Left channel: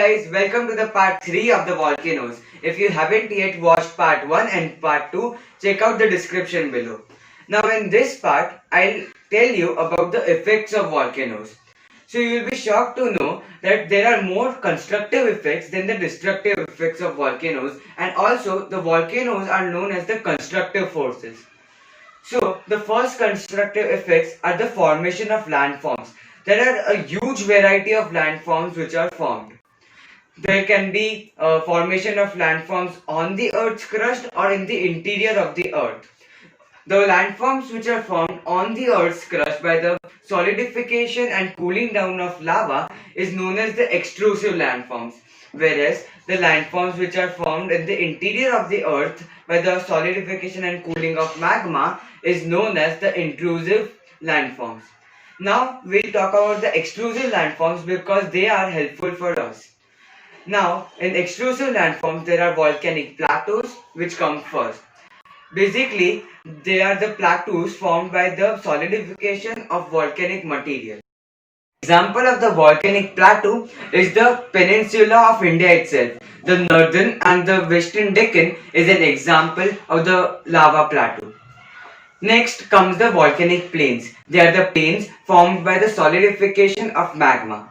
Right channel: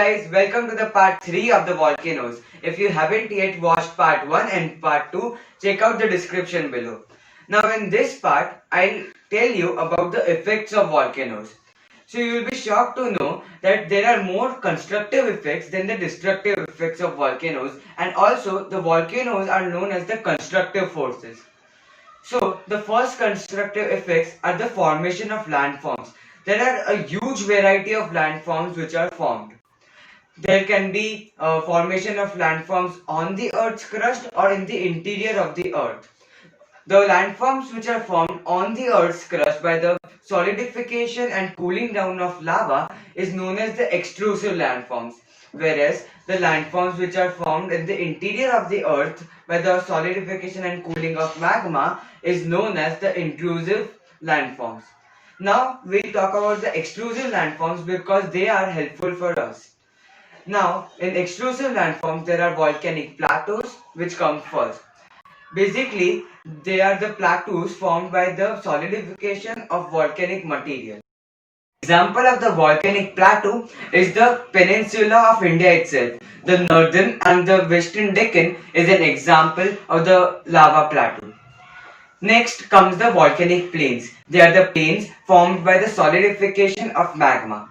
guys, welcome to the part 3 of the volcanoes. If you haven't yet watched part 1 and part 2, check out the description below. Now in this part, I'll tell you about the effects of volcanoes. So you'll be shocked to know that there are more constructive effects than the destructive effects of volcanoes, and also the volcanoes are known as the constructive forces. So the first constructive effects are the formation of landforms. There are a huge variety of landforms which are formed. There can be formation of landforms on the Earth's crust or in the interior of the Earth. The landforms which are formed on the Earth's crust by the solidification and cooling down of lava is known as the extrusive landforms, whereas the landforms which are formed in the interior of the Earth by the solidification and cooling of magma is known as the intrusive landforms. Now we'll talk about the extrusive landforms because they are helpful for us. Now in extrusive landforms there are volcanic plateaus which come first. Basically, they are the plateaus formed by the solidification of volcanic material. Example of the volcanic plateau is the peninsula of India itself. The northern and the western Deccan is an example of the lava plateau. Next comes the volcanic plains. They are the plains formed by the solidification of magma.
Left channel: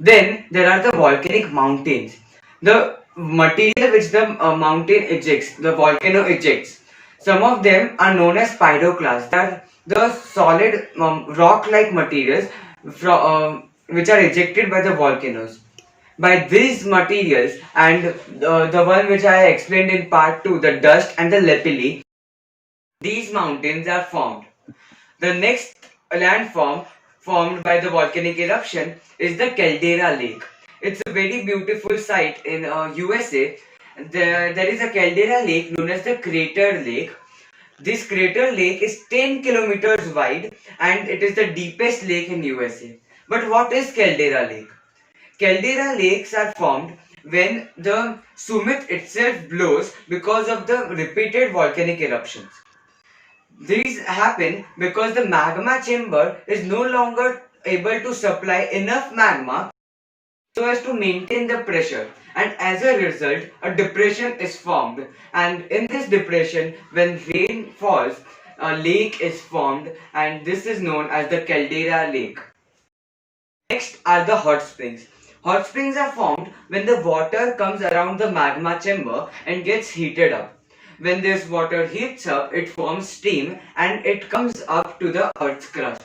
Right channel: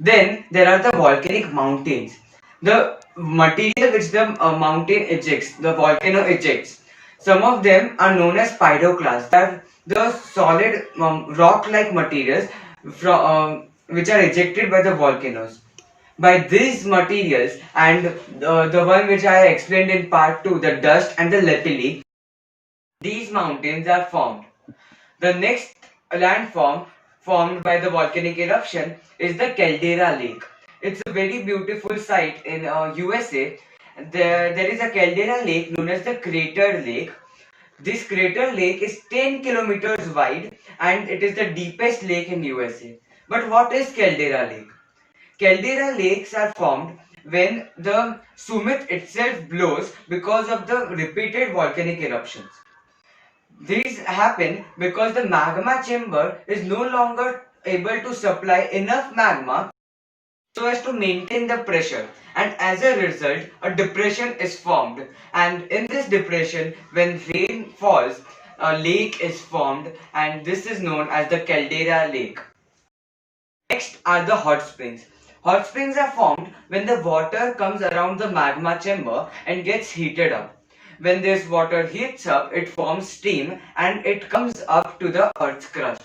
Then there are the volcanic mountains. The material which the mountain ejects, the volcano ejects. Some of them are known as pyroclasts. They are the solid rock-like materials which are ejected by the volcanoes. By these materials and the one which I explained in part 2, the dust and the lapilli, these mountains are formed. The next landform formed by the volcanic eruption is the Caldera Lake. It's a very beautiful site in USA. There is a Caldera Lake known as the Crater Lake. This crater lake is 10 kilometers wide and it is the deepest lake in USA. But what is Caldera Lake? Caldera lakes are formed when the summit itself blows because of the repeated volcanic eruptions. These happen because the magma chamber is no longer able to supply enough magma so as to maintain the pressure, and as a result a depression is formed, and in this depression when rain falls a lake is formed, and this is known as the Caldera Lake. Next are the hot springs. Hot springs are formed when the water comes around the magma chamber and gets heated up. When this water heats up, it forms steam and it comes up to the Earth's crust.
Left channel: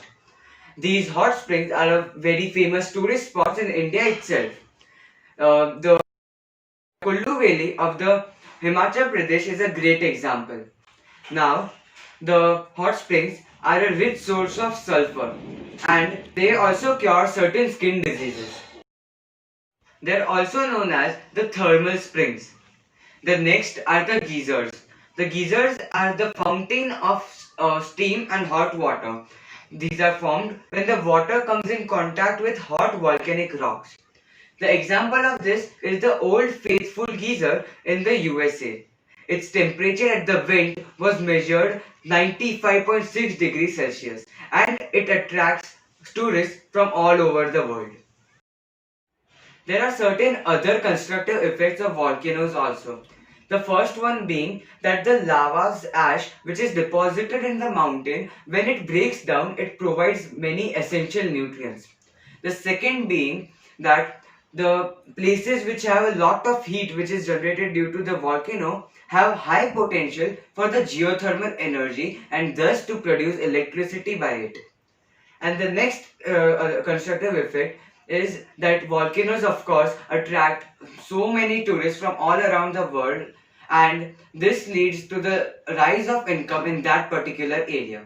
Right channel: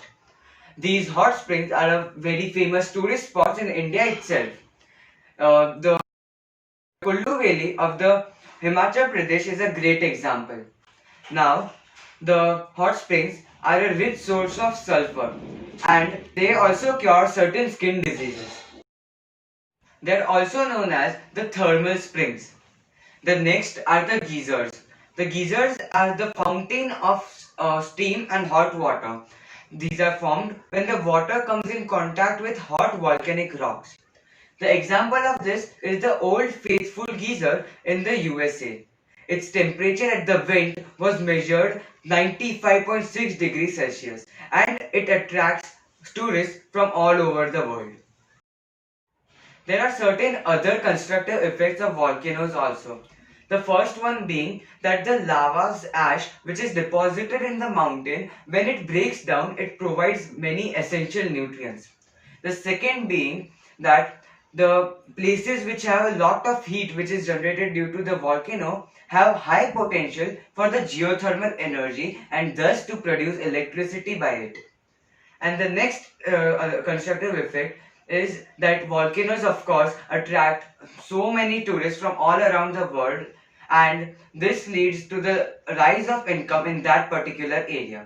These hot springs are a very famous tourist spots in India itself. The Kullu Valley of the Himachal Pradesh is a great example. Now, the hot springs are a rich source of sulfur and they also cure certain skin diseases. They are also known as the thermal springs. The next are the geysers. The geysers are the fountain of steam and hot water. These are formed when the water comes in contact with hot volcanic rocks. The example of this is the Old Faithful geyser in the USA. Its temperature at the vent was measured 95.6 degrees Celsius and it attracts tourists from all over the world. There are certain other constructive effects of volcanoes also. The first one being that the lava's ash which is deposited in the mountain, when it breaks down, it provides many essential nutrients. The second being that the places which have a lot of heat which is generated due to the volcano have high potential for the geothermal energy and thus to produce electricity by it. And the next constructive effect is that volcanoes of course attract so many tourists from all around the world, and this leads to the rise of income in that particular area.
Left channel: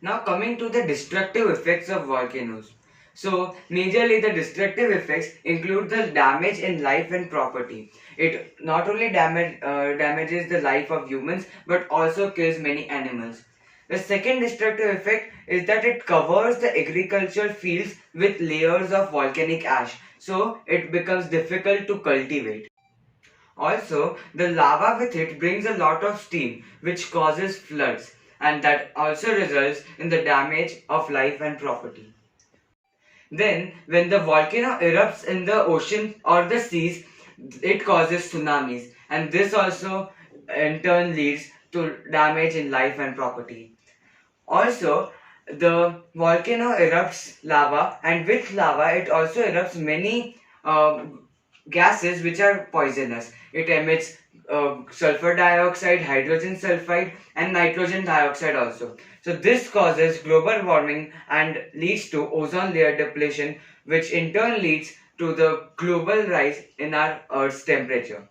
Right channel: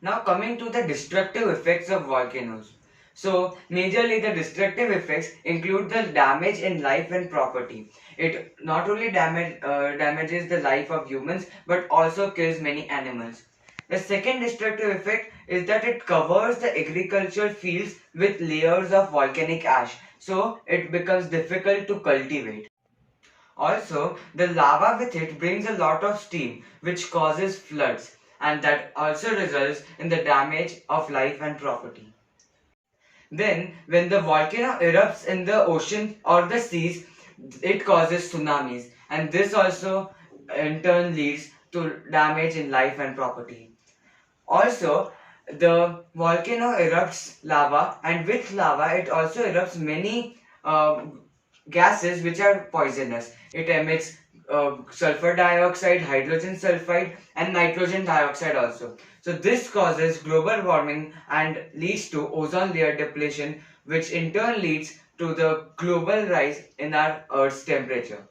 Now coming to the destructive effects of volcanoes. So majorly the destructive effects include the damage in life and property. It not only damages the life of humans but also kills many animals. The second destructive effect is that it covers the agricultural fields with layers of volcanic ash, so it becomes difficult to cultivate. Also, the lava with it brings a lot of steam which causes floods, and that also results in the damage of life and property. Then, when the volcano erupts in the ocean or the seas, it causes tsunamis, and this also in turn leads to damage in life and property. Also, the volcano erupts lava, and with lava, it also erupts many gases which are poisonous. It emits sulfur dioxide, hydrogen sulfide, and nitrogen dioxide also. So, this causes global warming and leads to ozone layer depletion, which in turn leads to the global rise in our Earth's temperature.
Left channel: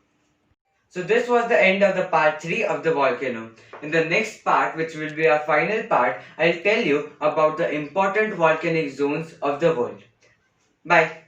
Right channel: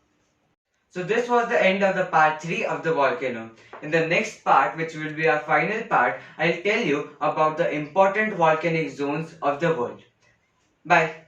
So this was the end of the part 3 of the volcano. In the next part, which will be our final part, I'll tell you about the important volcanic zones of the world. Bye.